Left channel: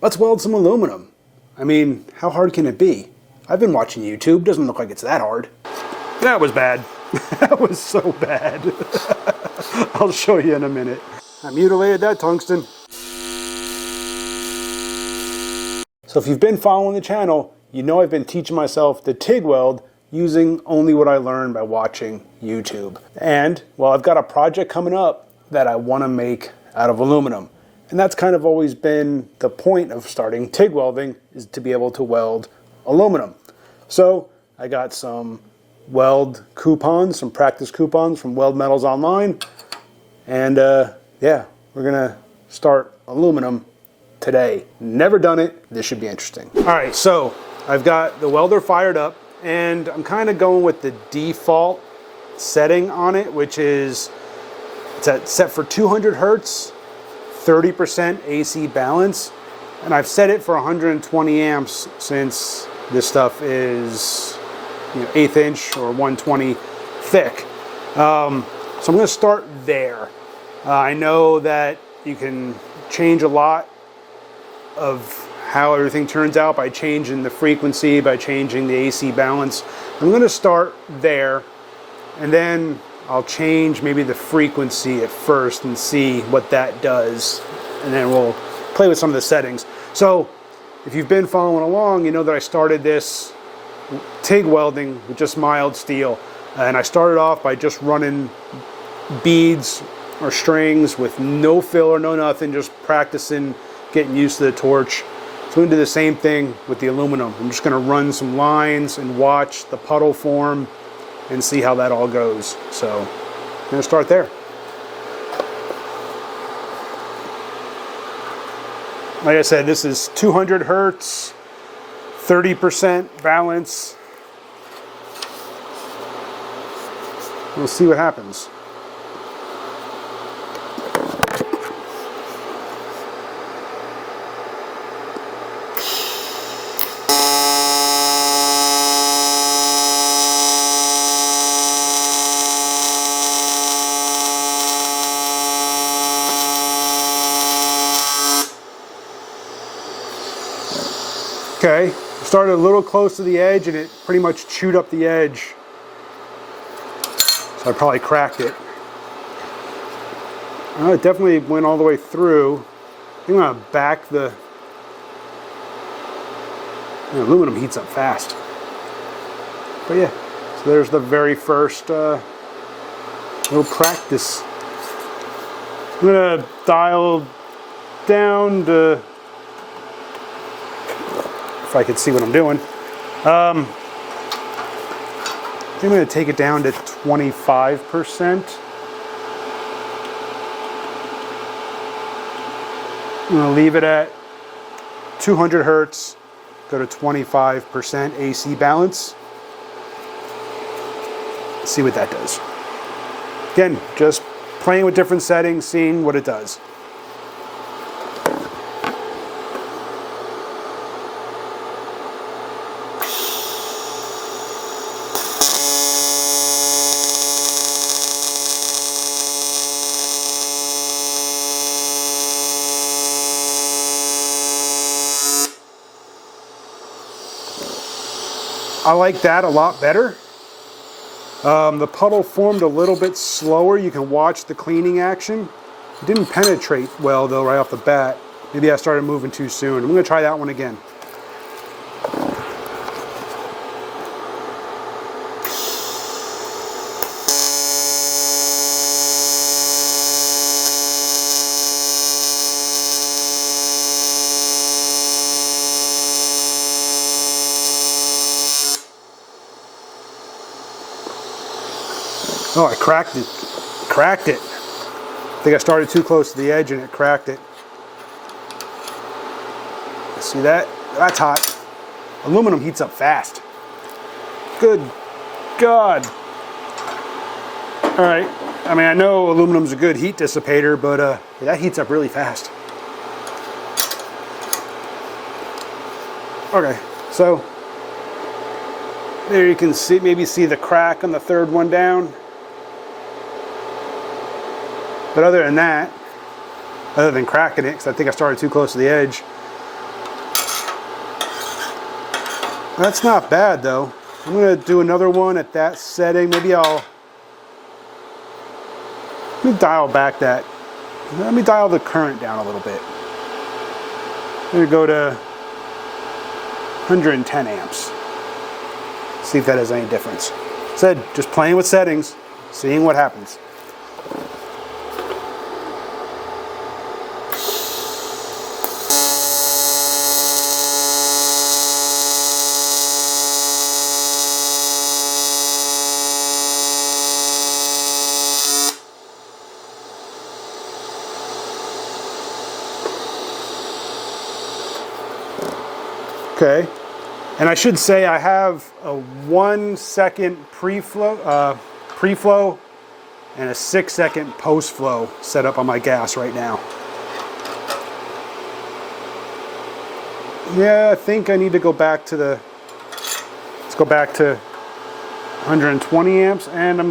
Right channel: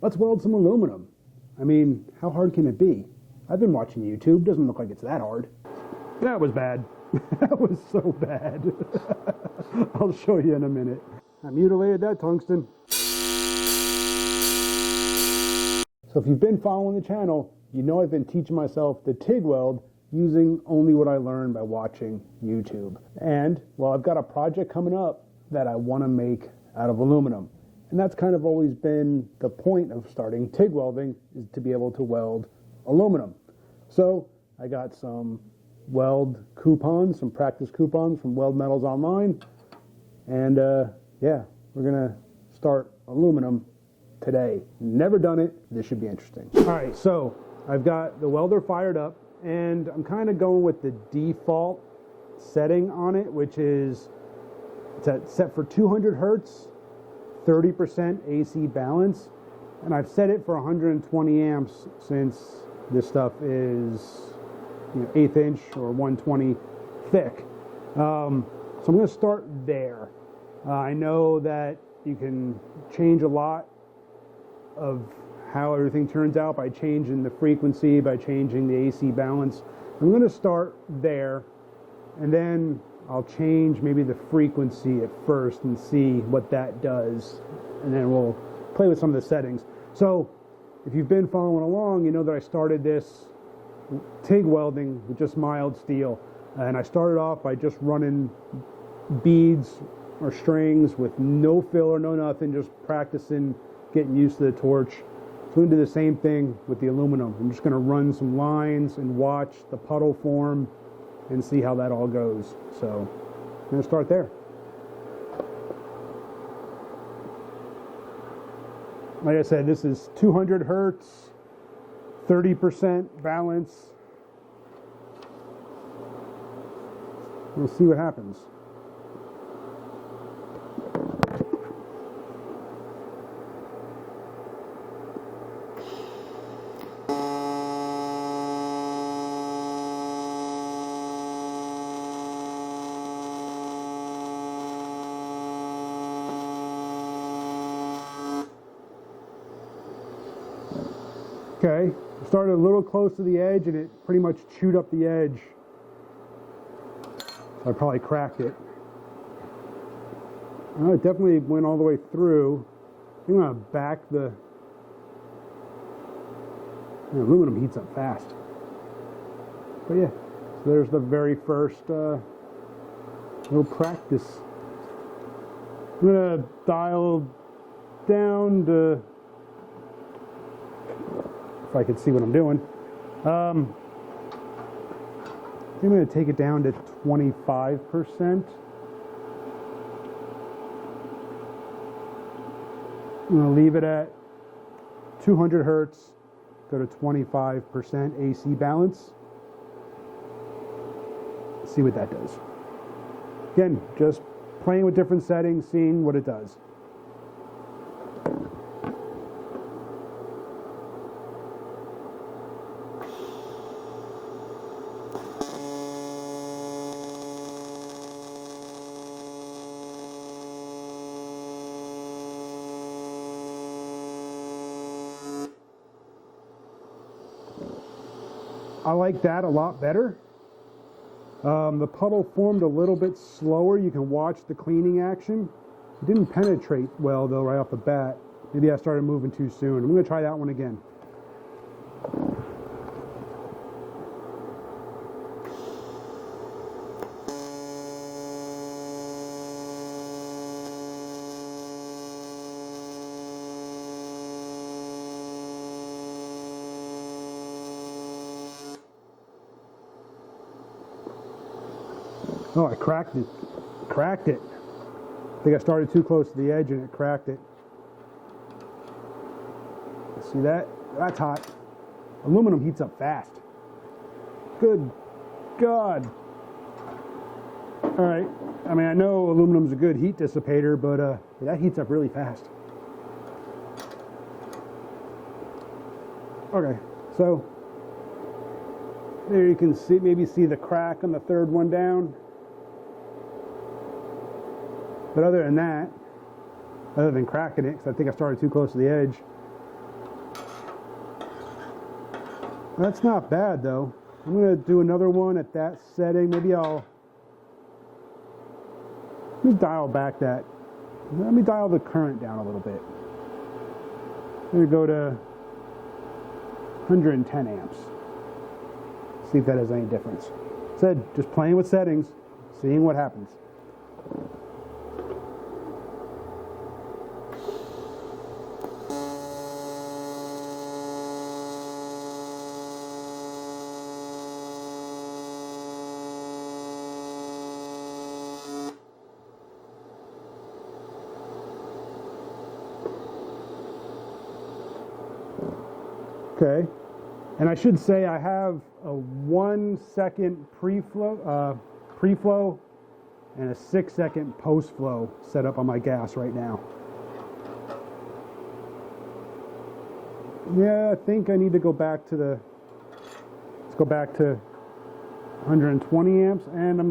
let's weld some aluminum. I mean, how hard can it be? I've been watching YouTube, doesn't look like it's that hard. That was bad. That was so bad. I'll show you in a minute. I mutilated that tungsten. So if you've been following the channel, you know I've been teaching myself to TIG weld using only what I learned by watching YouTube. And, well, I've got a project coming up that I want to make out of aluminum. And that's kind of always been the point of starting TIG welding, is to be able to weld aluminum. So I got some weld coupons, some practice coupons from Weld Metals Online. And yeah, we're gonna start aluminum today. Never done it, this should be interesting. All right, so I've got the welder fired up and I'm kind of going with the default setting on it, which is, it's set for 200 Hertz, 30% AC balance. And I've set it for 120 amps since this stuff is 1/8 inch or 120 thick. So I'm gonna start there. I know that you can change a lot of how everything turns out by changing the frequency, by changing the AC balance. I'm gonna start there, and then I'll change maybe the frequency at first and see what that does. And then we'll play with some of the settings. So if you've been following along, you know that I started this TIG welding with just mild steel. And I started off by just running beads or strings with no filler, no nothing, just practicing, getting used to the torch. So I'm gonna do the same thing with the aluminum. I'm just gonna run some lines and watch the puddle form and see how that all goes. So I'm gonna start there. Like I said, this is 200 Hertz, 30% balance. We'll see what happens. Okay, started a little close to the edge and it pretty much chewed up the edge. So I probably cracked it. Oh, it definitely went all the way through. I think I'm gonna back the aluminum heats up fast. But yeah, so there's the very first little practice. I'm gonna dial down to, if I could see what I'm doing. I'm going to take it down to 25%. I'm going to leave it at 200 Hertz, go to 25% AC balance. See what that does. Again, just playing with different settings, seeing what it does. I like that a lot better. The puddle formed a little bit slower. You can watch the cleaning action. It didn't penetrate well though right off the bat. Maybe I started moving too soon. I'm gonna try that one again. Oh, I cracked it. Cracked it. I think I started too close to the edge and it cracked it. See that? That's hot. Aluminum heats up fast. Good God. All right. I mean, I know aluminum's a good heat dissipator, but that heats up really fast. Okay, so there you can see, maybe see the crack on the third one down. But other than that, other than cracking it, because I think I started too close to the edge, That's not bad though. I'm gonna do another one at that setting. Maybe let me dial back that. Let me dial the current down a little bit. I'm gonna go to 110 amps. See if that has any difference. Said, just playing with settings, seeing what happens. Okay, and I should say I have a 1 second pre-flow and a 6 second post-flow set up on my gas right now. Yeah, I think I need to go back to let's go back to 120 amps, and I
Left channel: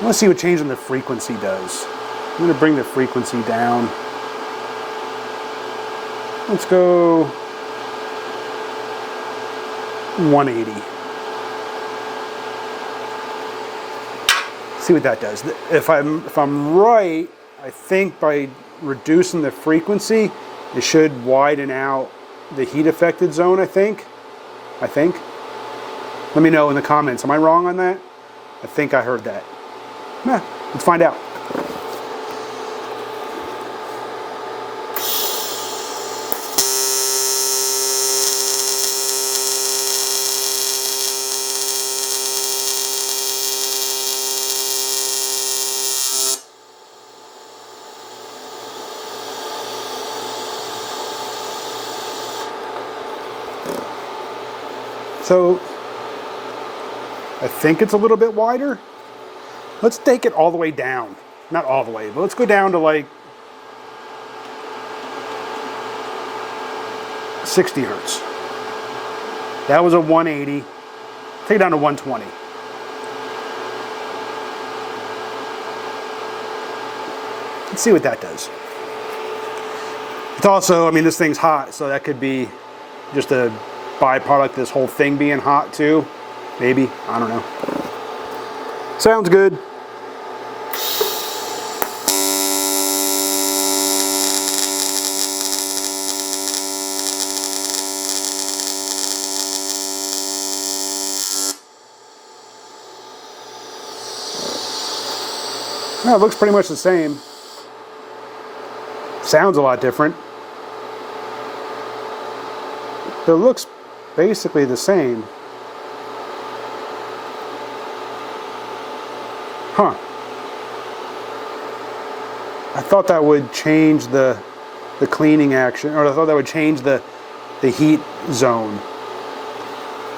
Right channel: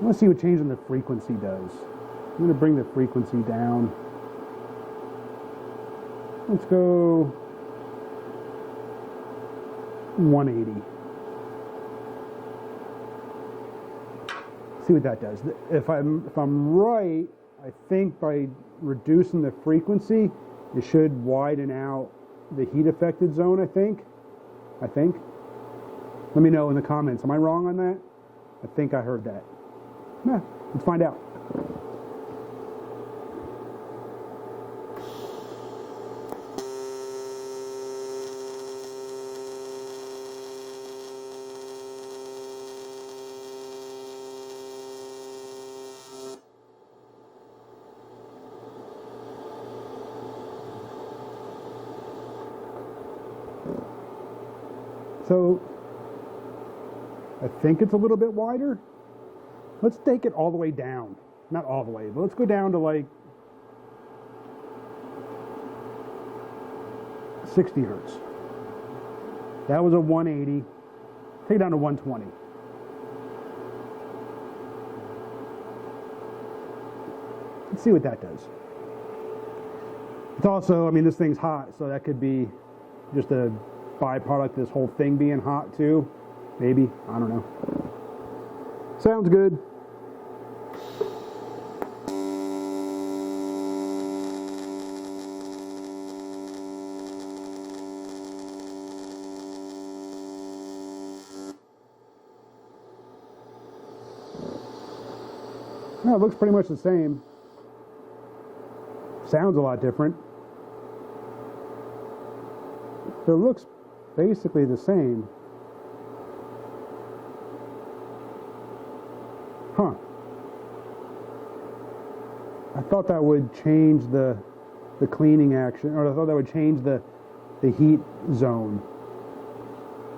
want to see what changing the frequency does. I'm going to bring the frequency down. Let's go 180. See what that does. If I'm right, I think by reducing the frequency, it should widen out the heat affected zone, I think. Let me know in the comments. Am I wrong on that? I think I heard that. Let's find out. So I think it's a little bit wider. Let's take it all the way down. Not all the way, but let's go down to like 60 hertz. That was a 180. Take it down to 120. Let's see what that does. It's also, I mean, this thing's hot, so that could be just a byproduct of this whole thing being hot too. Maybe, I don't know. Sounds good. Well, it looks pretty much the same. Sounds a lot different. But it looks basically the same. Huh. I thought that would change the cleaning action, or I thought that would change the heat zone.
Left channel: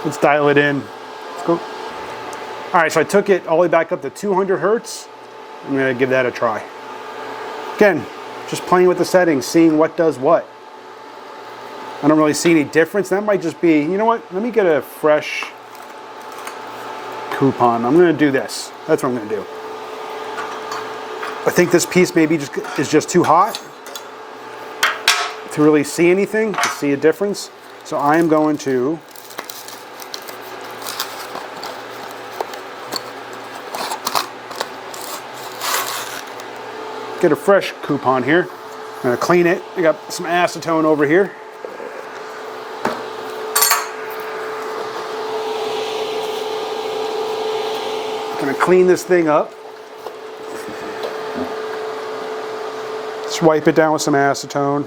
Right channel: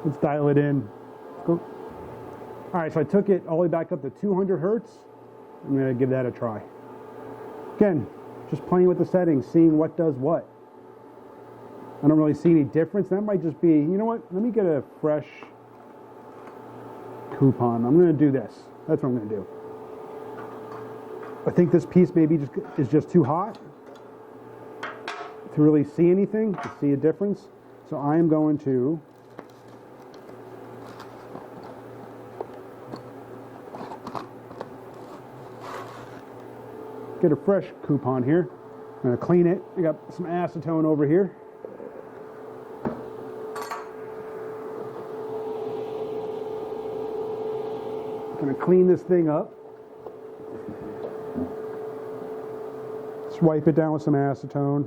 Let's dial it in. Let's go. All right, so I took it all the way back up to 200 hertz. I'm gonna give that a try. Again, just playing with the settings, seeing what does what. I don't really see any difference. That might just be, you know what? Let me get a fresh coupon. I'm gonna do this. That's what I'm gonna do. I think this piece maybe is just too hot to really see anything, to see a difference. So I am going to get a fresh coupon here. I'm gonna clean it. I got some acetone over here. Gonna clean this thing up. Just wipe it down with some acetone.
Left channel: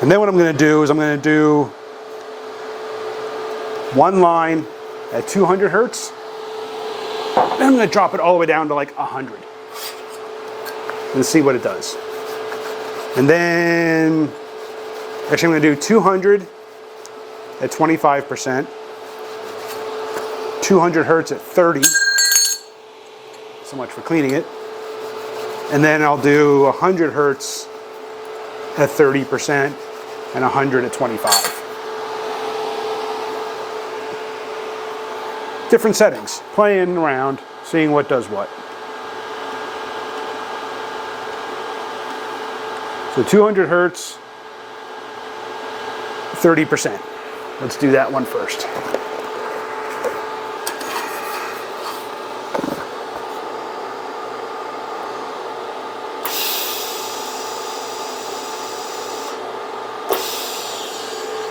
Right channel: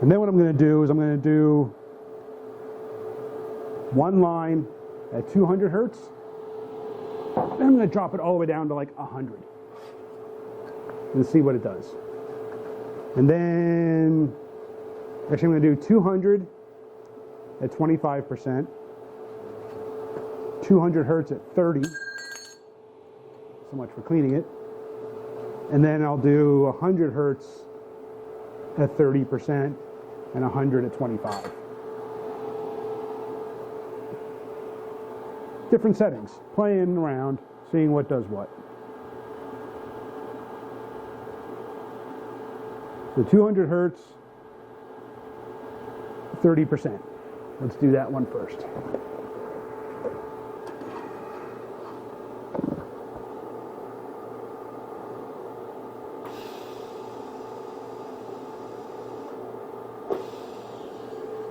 And then what I'm gonna do is I'm gonna do one line at 200 hertz. Then I'm gonna drop it all the way down to like 100 and see what it does. And then, actually I'm gonna do 200 at 25%. 200 hertz at 30. So much for cleaning it. And then I'll do 100 hertz at 30% and 100 at 25. Different settings, playing around, seeing what does what. So 200 hertz, 30%. Let's do that one first.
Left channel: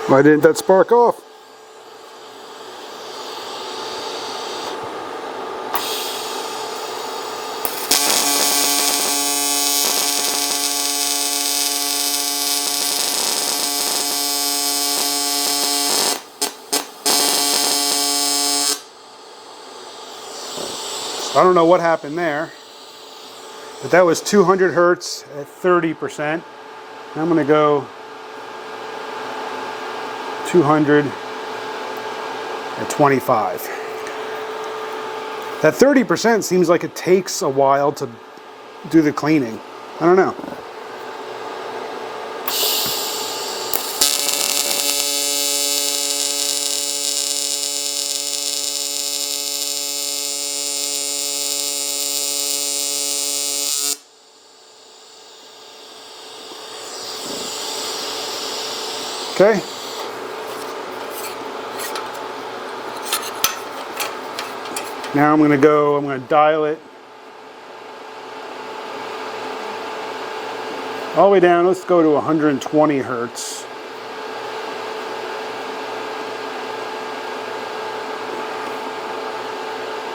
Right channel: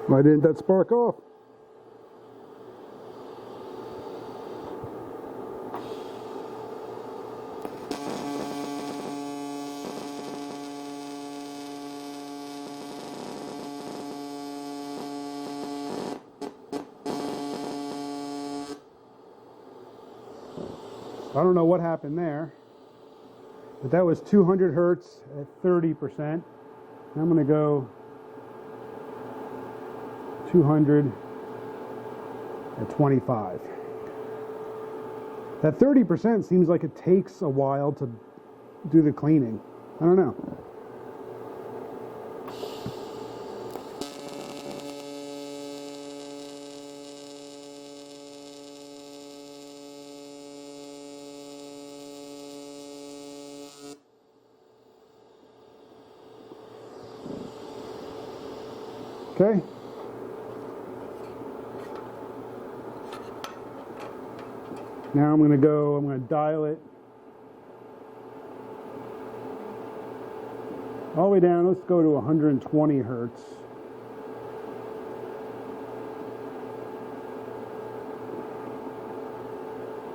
Why didn't that spark off? I don't know what happened there, but that was 200 hertz at 30%. I'm going to go 200 at 25. That 30% seems like it takes a while to do the cleaning. I don't know. Okay. Now I'm going to dial it all the way down. Let's go to 120 hertz.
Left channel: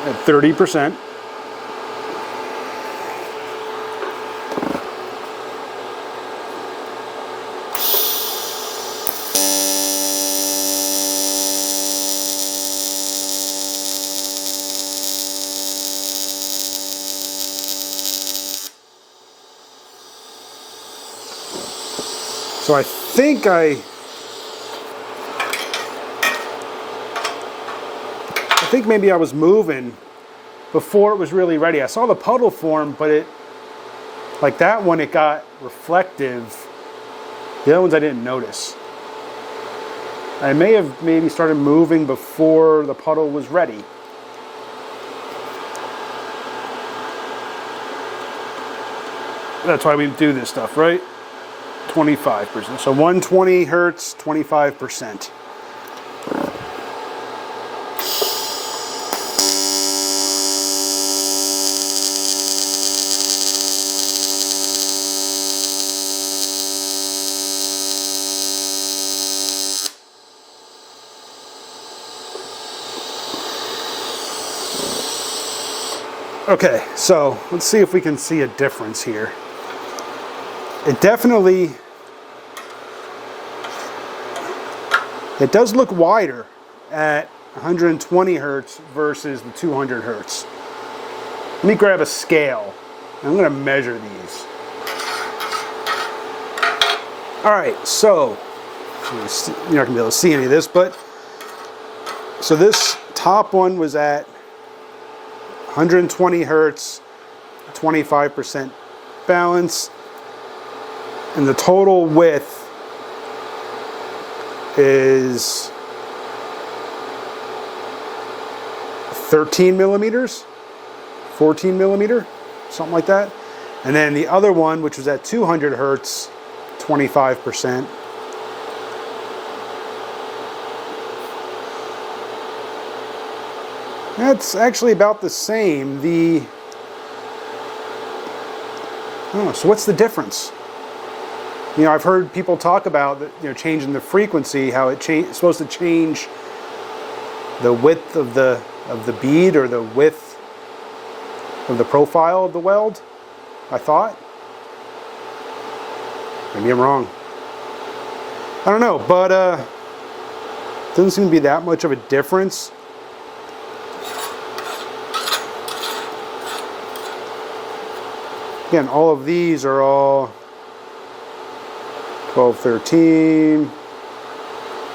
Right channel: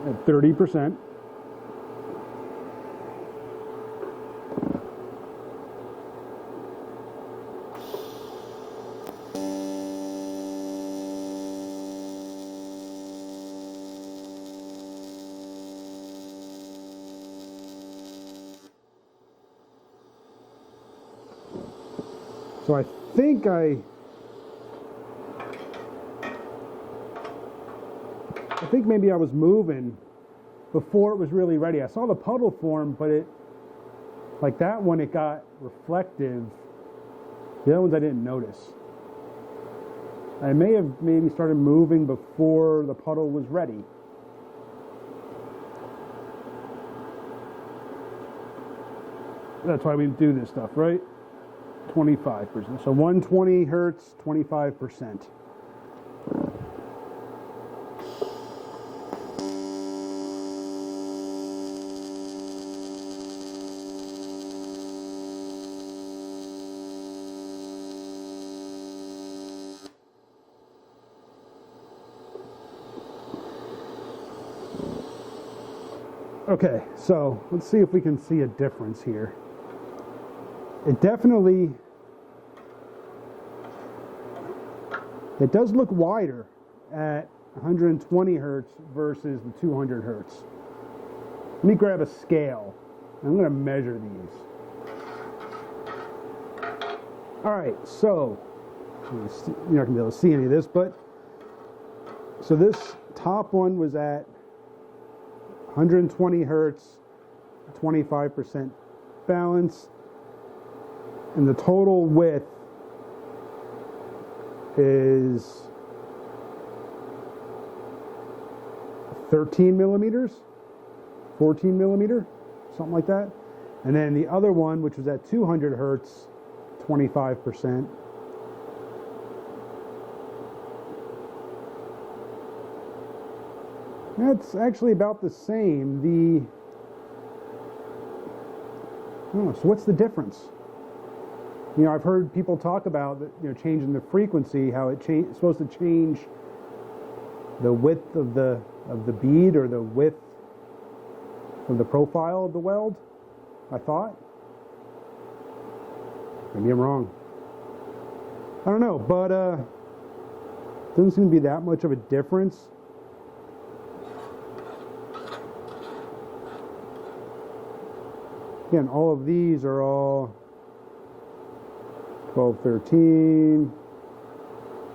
At 30%. So I think maybe I was moving before it was really ready. I saw the puddle form, but like that one, it got reflective. The other ones I didn't notice. I may have maybe started moving before the puddle was ready. That's why we do this stuff, right? 25%. So 120 hertz, 25%. Okay, so let's see if we can see a difference here. It does look wider at 120 hertz versus the 200 hertz. Let me grab a scale. I'm going to measure these. All right, so you're not going to be able to see any of this, but so this top one was at 120 hertz, 25% balance, and the total width is 13 millimeters, 14 millimeter, something like that. And then the other one, which was at 200 hertz, 25%. That's actually about the same. So what's the difference? You know, I've heard people talk about changing the frequency, how it's supposed to change the width of the bead or the width of the profile of the weld. I thought. Maybe I'm wrong. I don't know, but doesn't seem to be that much of a difference. Again, all of these are all 12, 13,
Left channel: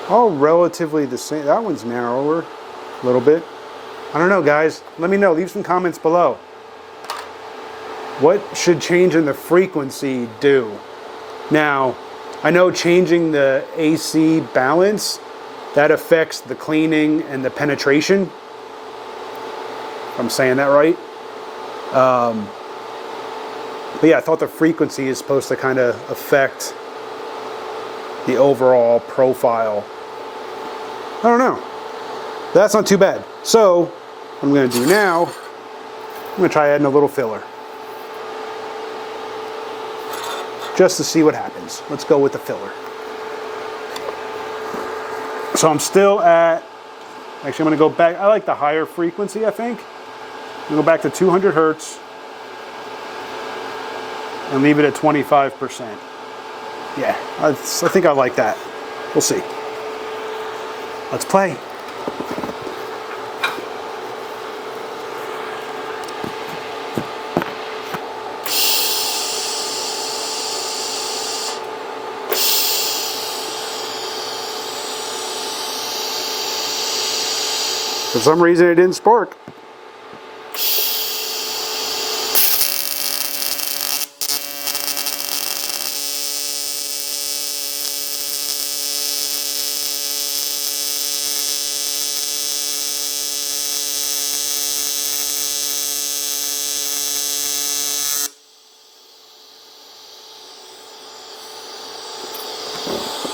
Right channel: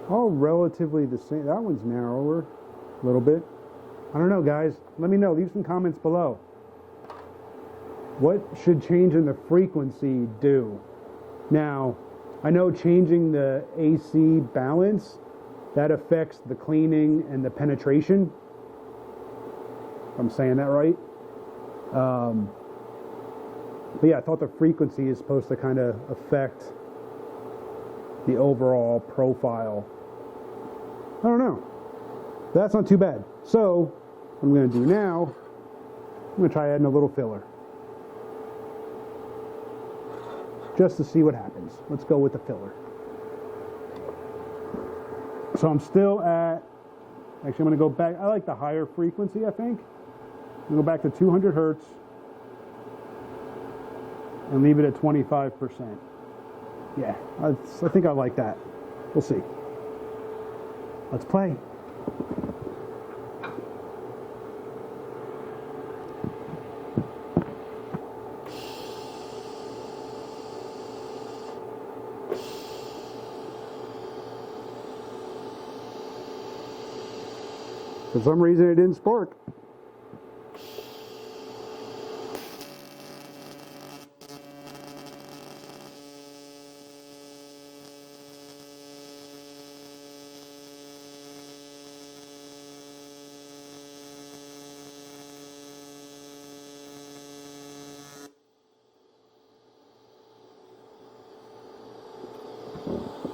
all relatively the same. That one's narrower a little bit. I don't know, guys. Let me know. Leave some comments below. What should changing the frequency do? Now, I know changing the AC balance, that affects the cleaning and the penetration. If I'm saying that right. But yeah, I thought the frequency is supposed to kind of affect the overall profile. I don't know. That's not too bad. So what I'm going to do now, I'm going to try adding a little filler. Just to see what happens. Let's go with the filler. So I'm still at, actually I'm going to go back, I like the higher frequency, I think. I'm going to go back to 200 Hertz and leave it at 25%. Yeah, I think I like that. We'll see. Let's play. For some reason it didn't spark.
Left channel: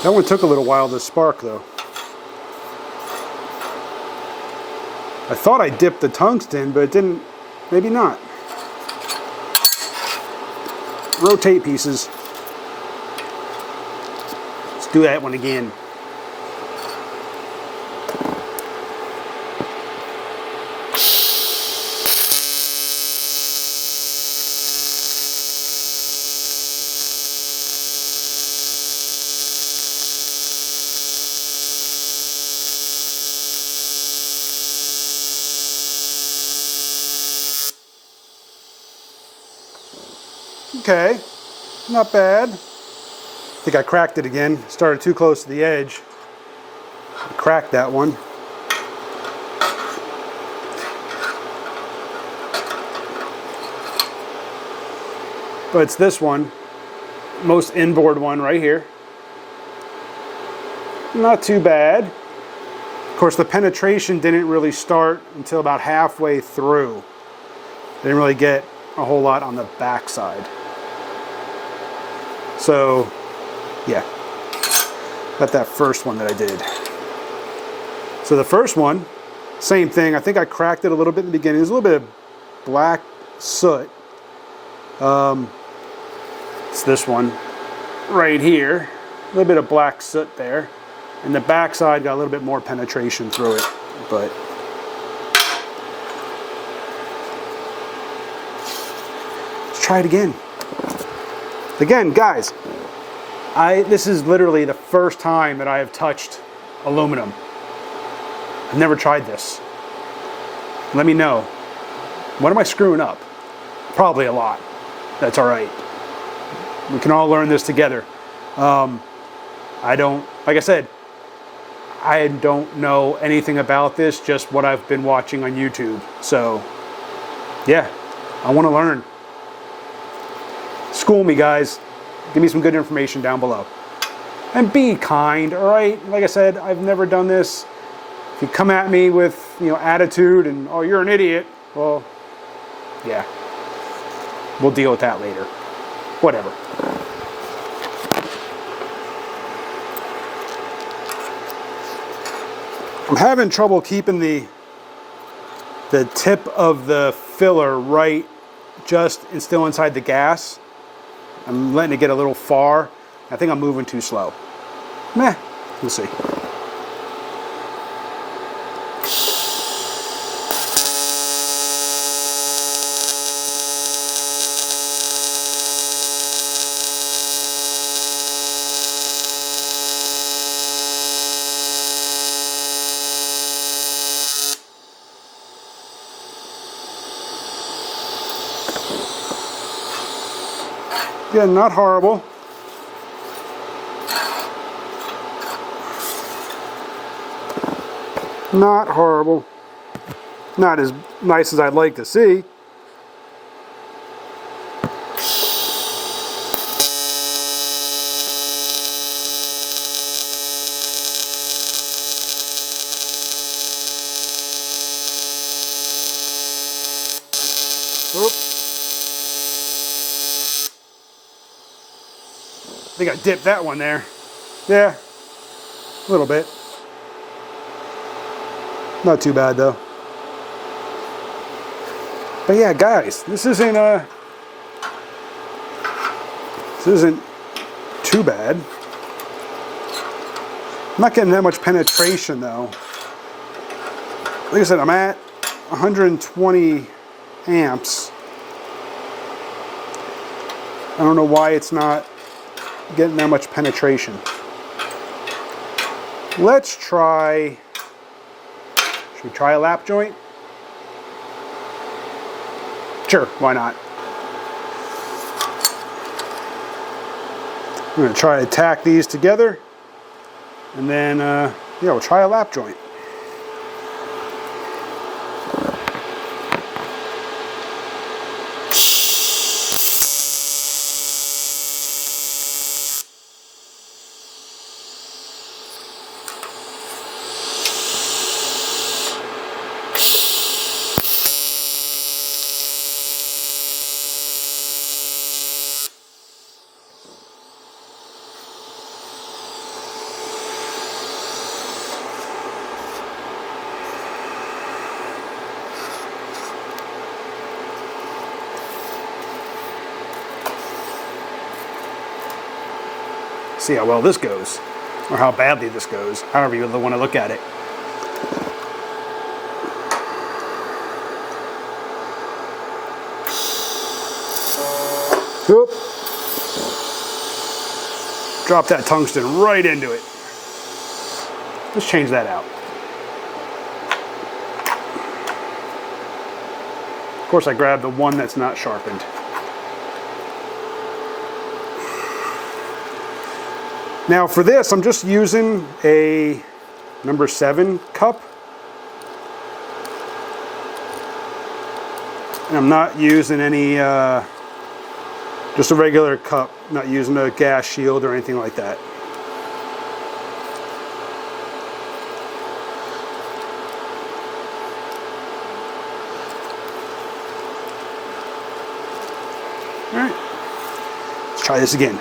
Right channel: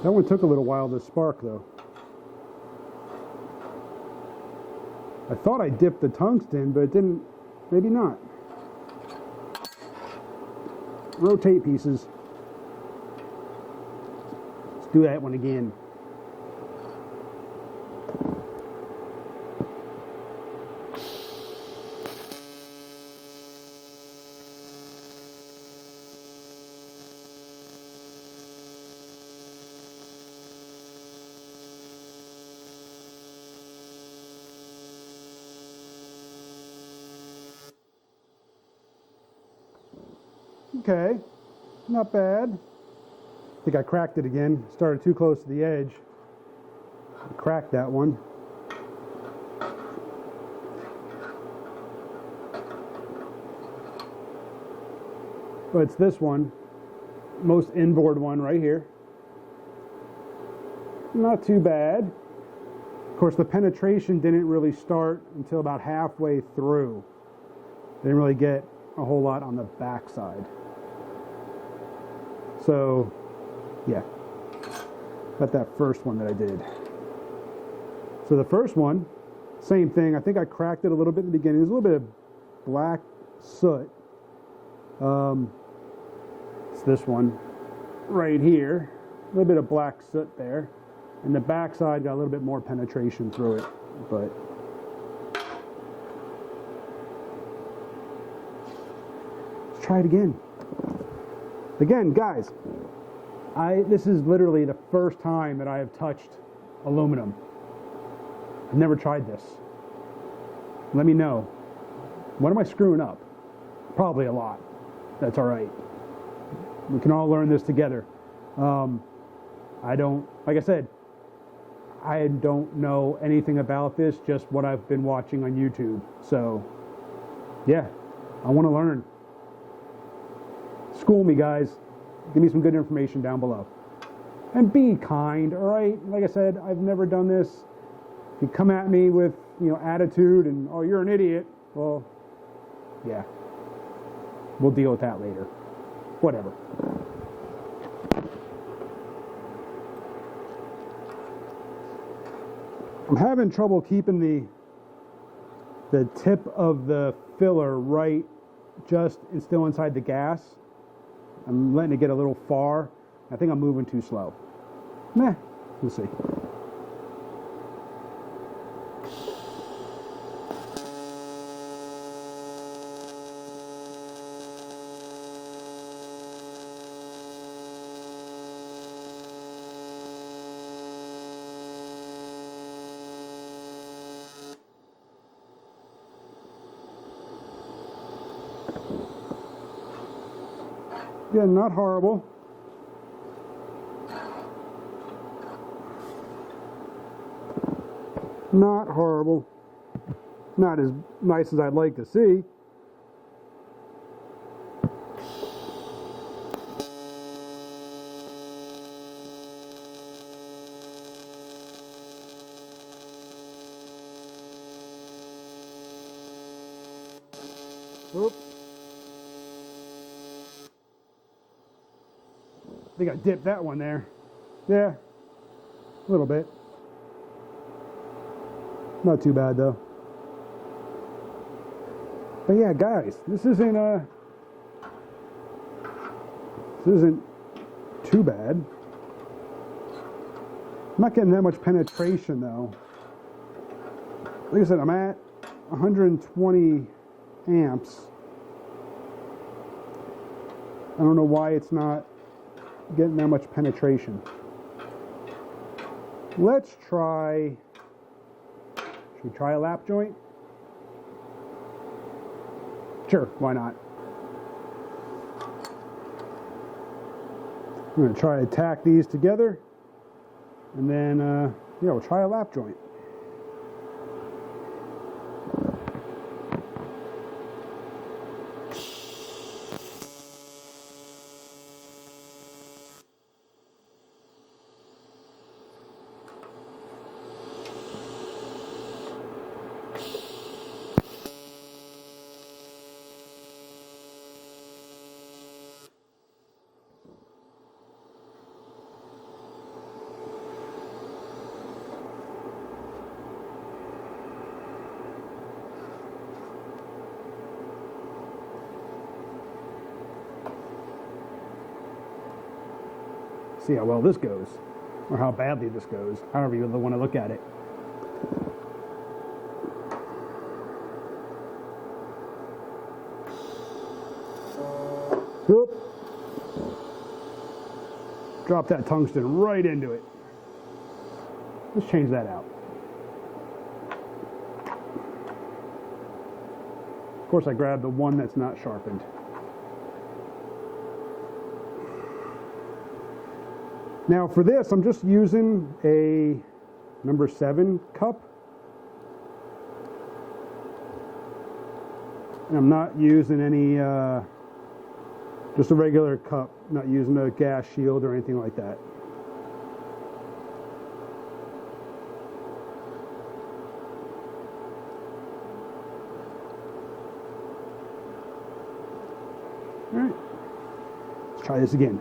That one took a little while to spark though. I thought I dipped the tungsten, but it didn't, maybe not. Rotate pieces. Let's do that one again. Okay, not bad. I think I cracked it again. Started too close to the edge. I cracked that one. But it's this one, most inboard one right here. Not too bad. Of course, the penetration didn't really start until about halfway through. Didn't really get a whole lot on the back side. So, yeah, got that first one that I did. So the first one, same thing. I think I cracked it a little bit in the beginning. There's a little bit of black soot. It's this one right here. A little bit of black soot there. And the back side got a little bit more penetration through it, but let's try it again. Again, guys, this is literally the first time that I have touched aluminum. I've never tried this. Let me know. What am I screwing up? Probably a lot. That's all right. We can all learn this together. I don't, like I said, I don't know anything about this, just what I've been watching on YouTube. So, yeah, I want to learn. School me, guys. Give me some good information down below. And be kind, all right? Like I said, I've never done this. If you come at me with, attitude and, oh, you're an idiot, well, yeah. We'll deal with that later. Whatever. I'm having trouble keeping the tip of the filler right just and still inside the gas. I'm letting it get a little far. I think I'm moving too slow. Meh, we'll see. Yeah, not horrible. Not horrible. Not as nice as I'd like to see. Oop. I think I dipped that one there. Yeah, a little bit. Not too bad though. But yeah, guys, this isn't too bad. I'm not getting that much penetration though. Like I said, I'm at 120 amps. I don't know why it's not getting that much penetration. Let's try, should we try a lap joint? Sure, why not? I'm gonna try to tack these together, and then, yeah, we'll try a lap joint. See how well this goes, or how badly this goes, however you want to look at it. Oop. Drop that tungsten right into it. Let's change that out. Of course, I grabbed the one that's not sharpened. Now for this, I'm just using a number 7 cup. And I'm not using any, just a regular cup, not using a gas shield or anything like that. All right, let's try this again.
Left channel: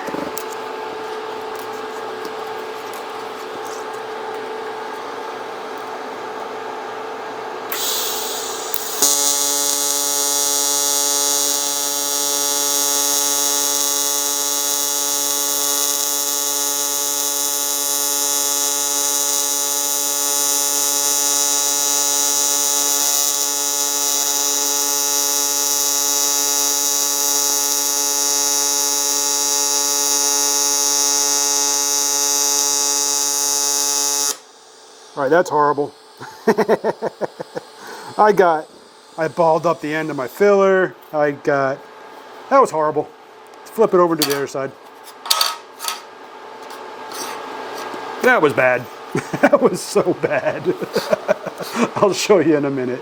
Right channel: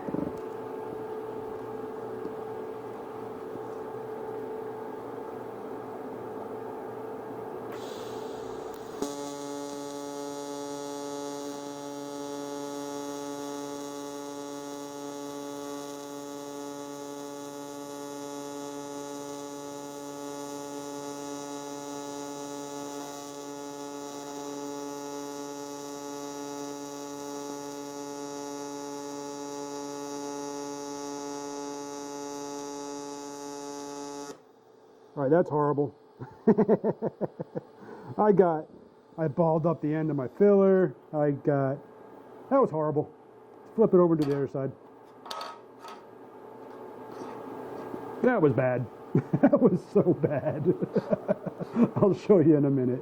All right, that's horrible. I balled up the end of my filler. That was horrible. Let's flip it over to the other side. That was bad. That was so bad. I'll show you in a minute.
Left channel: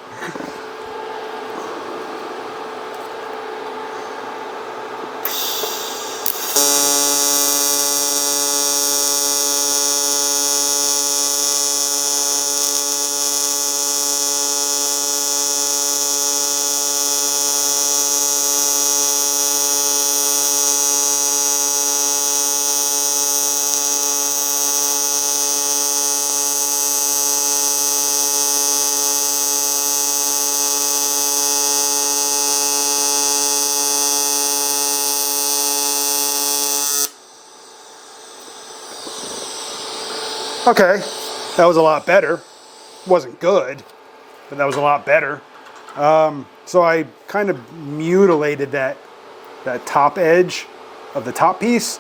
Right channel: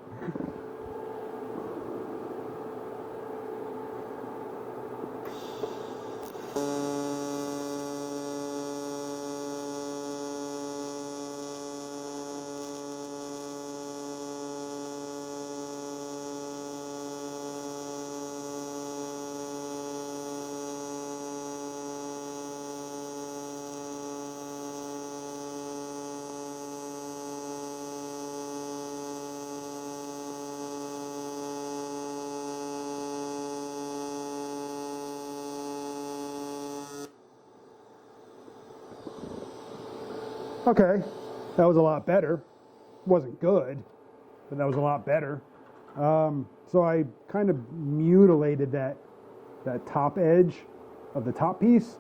Okay, that was a lot better. Wasn't good, but that was a lot better. So I kind of mutilated that top edge of the top piece.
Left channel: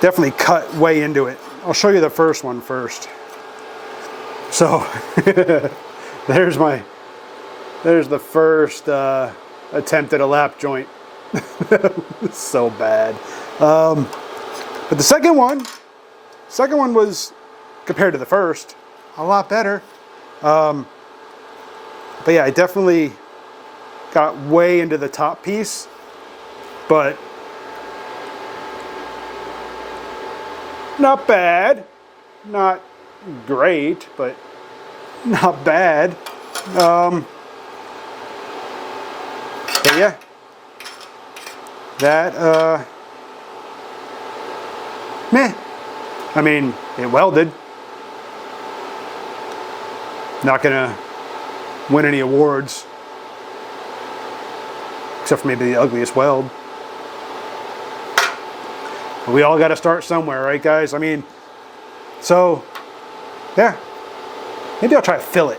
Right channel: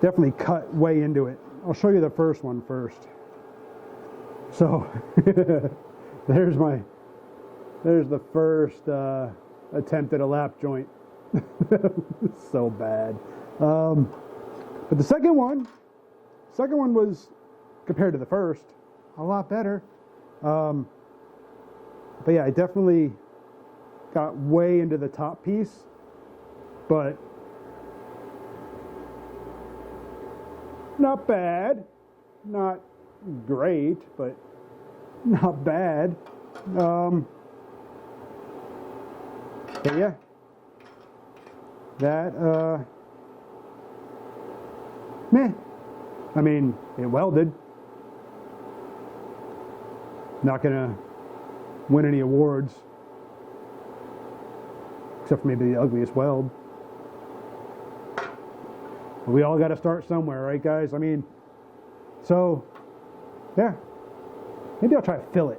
Definitely cut way into it. I'll show you the first one first. So there's the first attempt at a lap joint. So bad. But the second one was, compared to the first, a lot better. But yeah, I definitely got way into the top piece, but not bad. Not great, but not bad. But yeah, that, meh. I mean, it welded. Not gonna win any awards, except for maybe the ugliest weld. But we all got to start somewhere, right, guys? I mean, so yeah, maybe I'll try a fillet.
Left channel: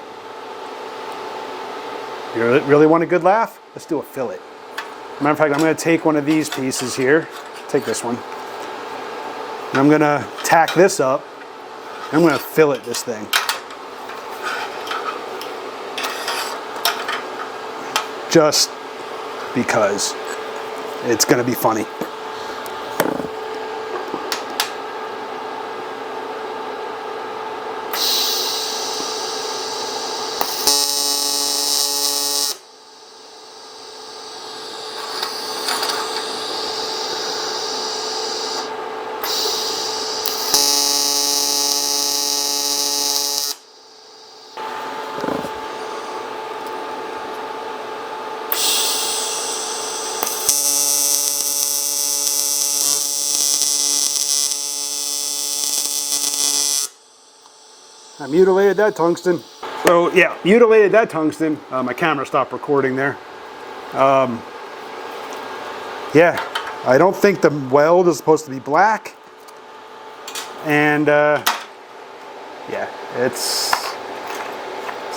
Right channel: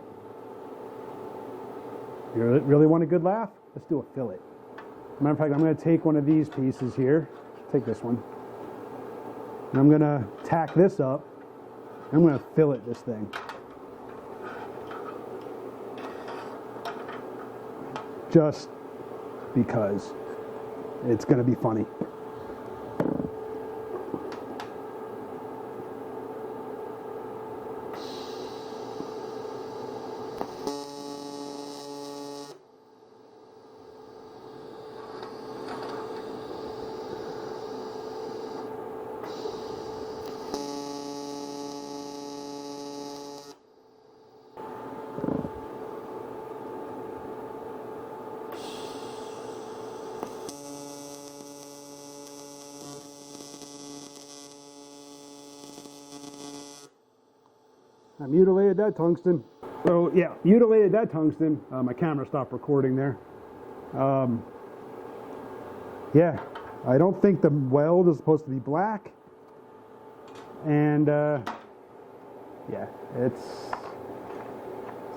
You really want a good laugh? Let's do a fillet. Matter of fact, I'm going to take one of these pieces here. Take this one. And I'm going to tack this up. I'm going to fillet this thing. Just because it's going to be funny. I mutilated that tungsten. So yeah, mutilated that tungsten. My camera stopped recording there. Yeah, I don't think the weld is supposed to be black. And yeah, it's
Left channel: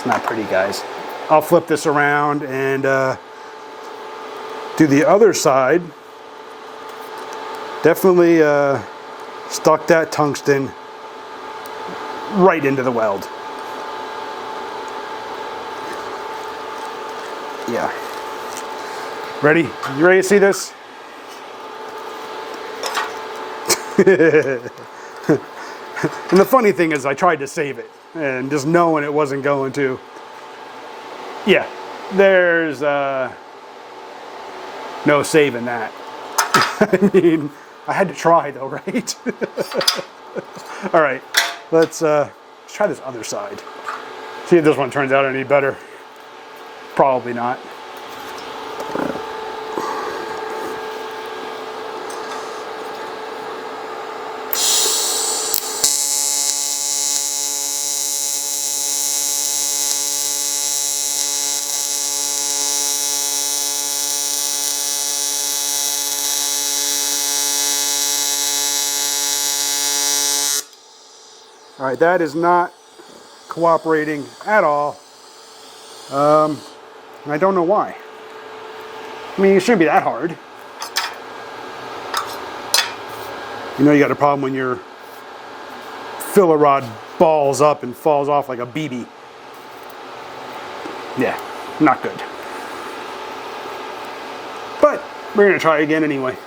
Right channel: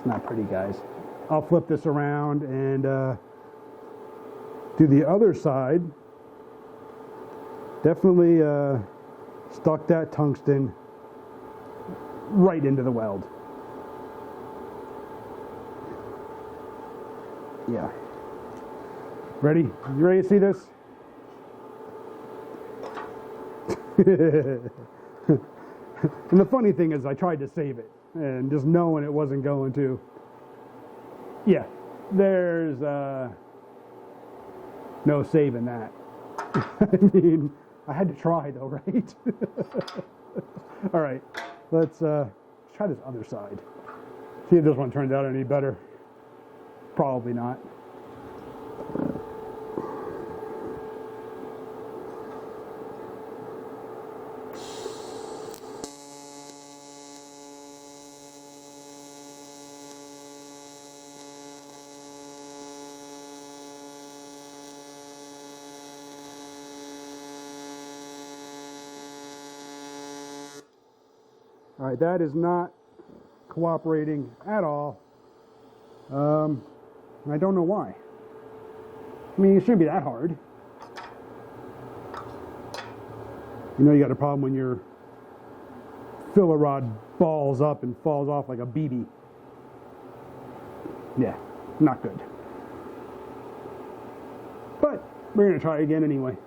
not pretty, guys. I'll flip this around and do the other side. Definitely stuck that tungsten right into the weld. Yeah. Ready? You ready to see this? And the funny thing is I tried to save it, and just knowing it wasn't going to. Yeah, there's no saving that. I mean, I had to try though, right? All right, let's try this other side. See if this one turns out any better. Probably not. All right, that is not cooperating at all. And I don't know why. I mean, it shouldn't be that hard. You know you got a problem when your filler rod balls up and falls off like a BB. Yeah, not good. But we're gonna try again anyway.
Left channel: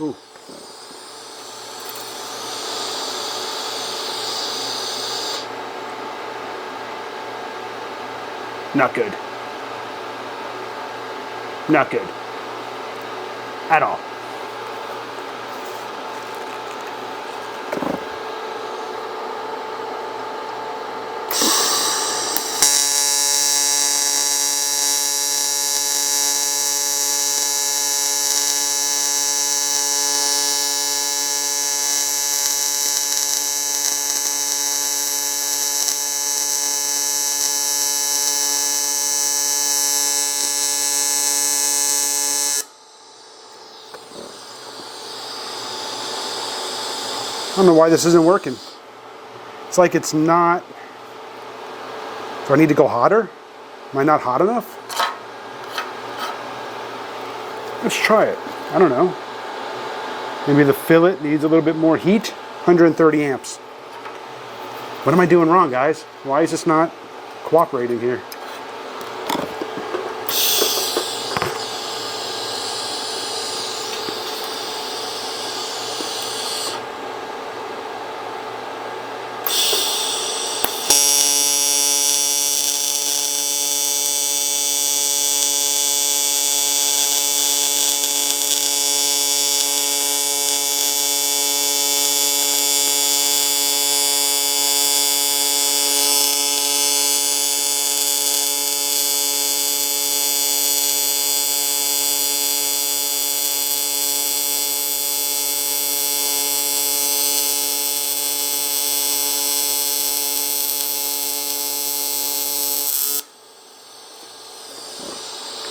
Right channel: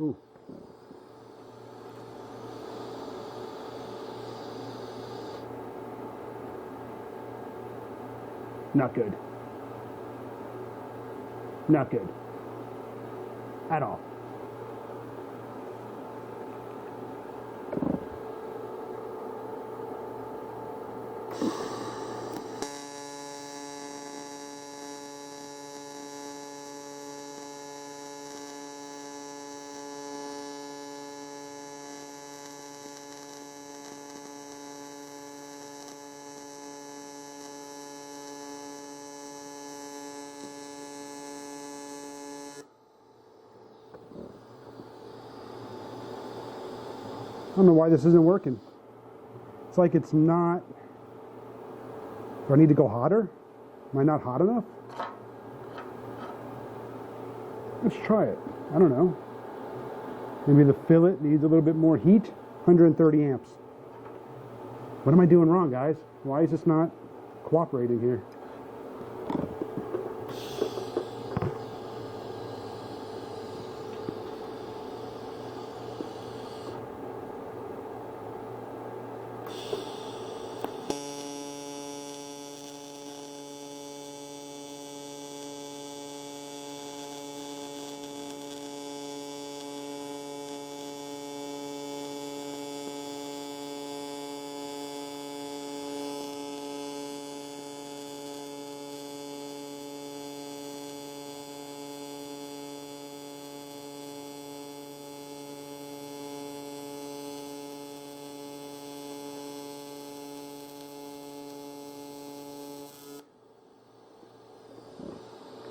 Ooh. Not good. Not good. At all. I don't know why this isn't working. It's like it's not. Do I need to go hotter? Am I not hot enough? Let's try it. I don't know. Maybe the fillet needs a little bit more heat. 130 amps. What am I doing wrong, guys? Why is this not cooperating here?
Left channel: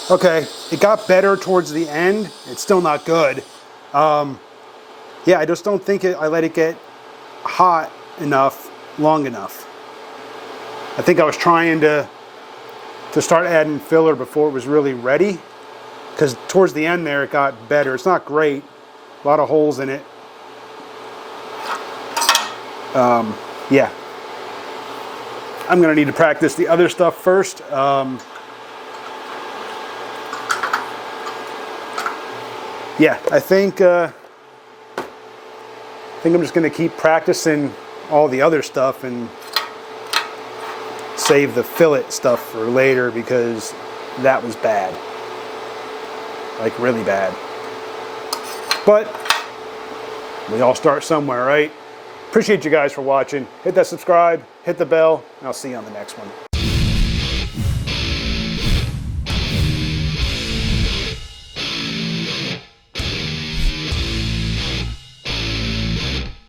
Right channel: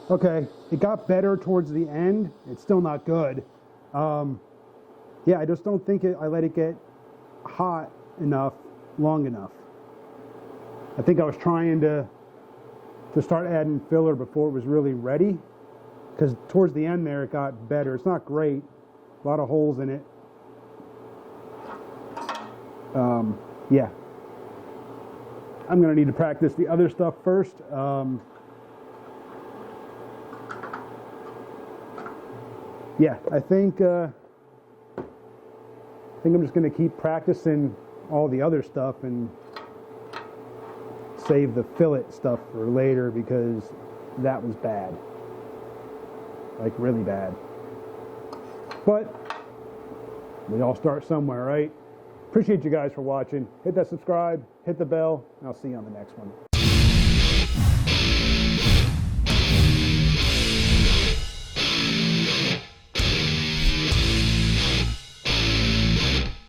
Okay, it got better towards the end. It's still not good. Yeah, I just don't think I let it get hot enough, long enough. I think I was trying to start adding filler before it was really ready, because towards the end there it got better. It's not great, a lot of holes in it. Yeah, I'm gonna need to practice the other stuff first. Yeah, I think I'm just gonna keep practicing all the other stuff and save the fillet stuff for later, because that was bad, like really bad. But we all start somewhere, right? Appreciate you guys for watching. Hit that subscribe, hit the bell, and I'll see you on the next one.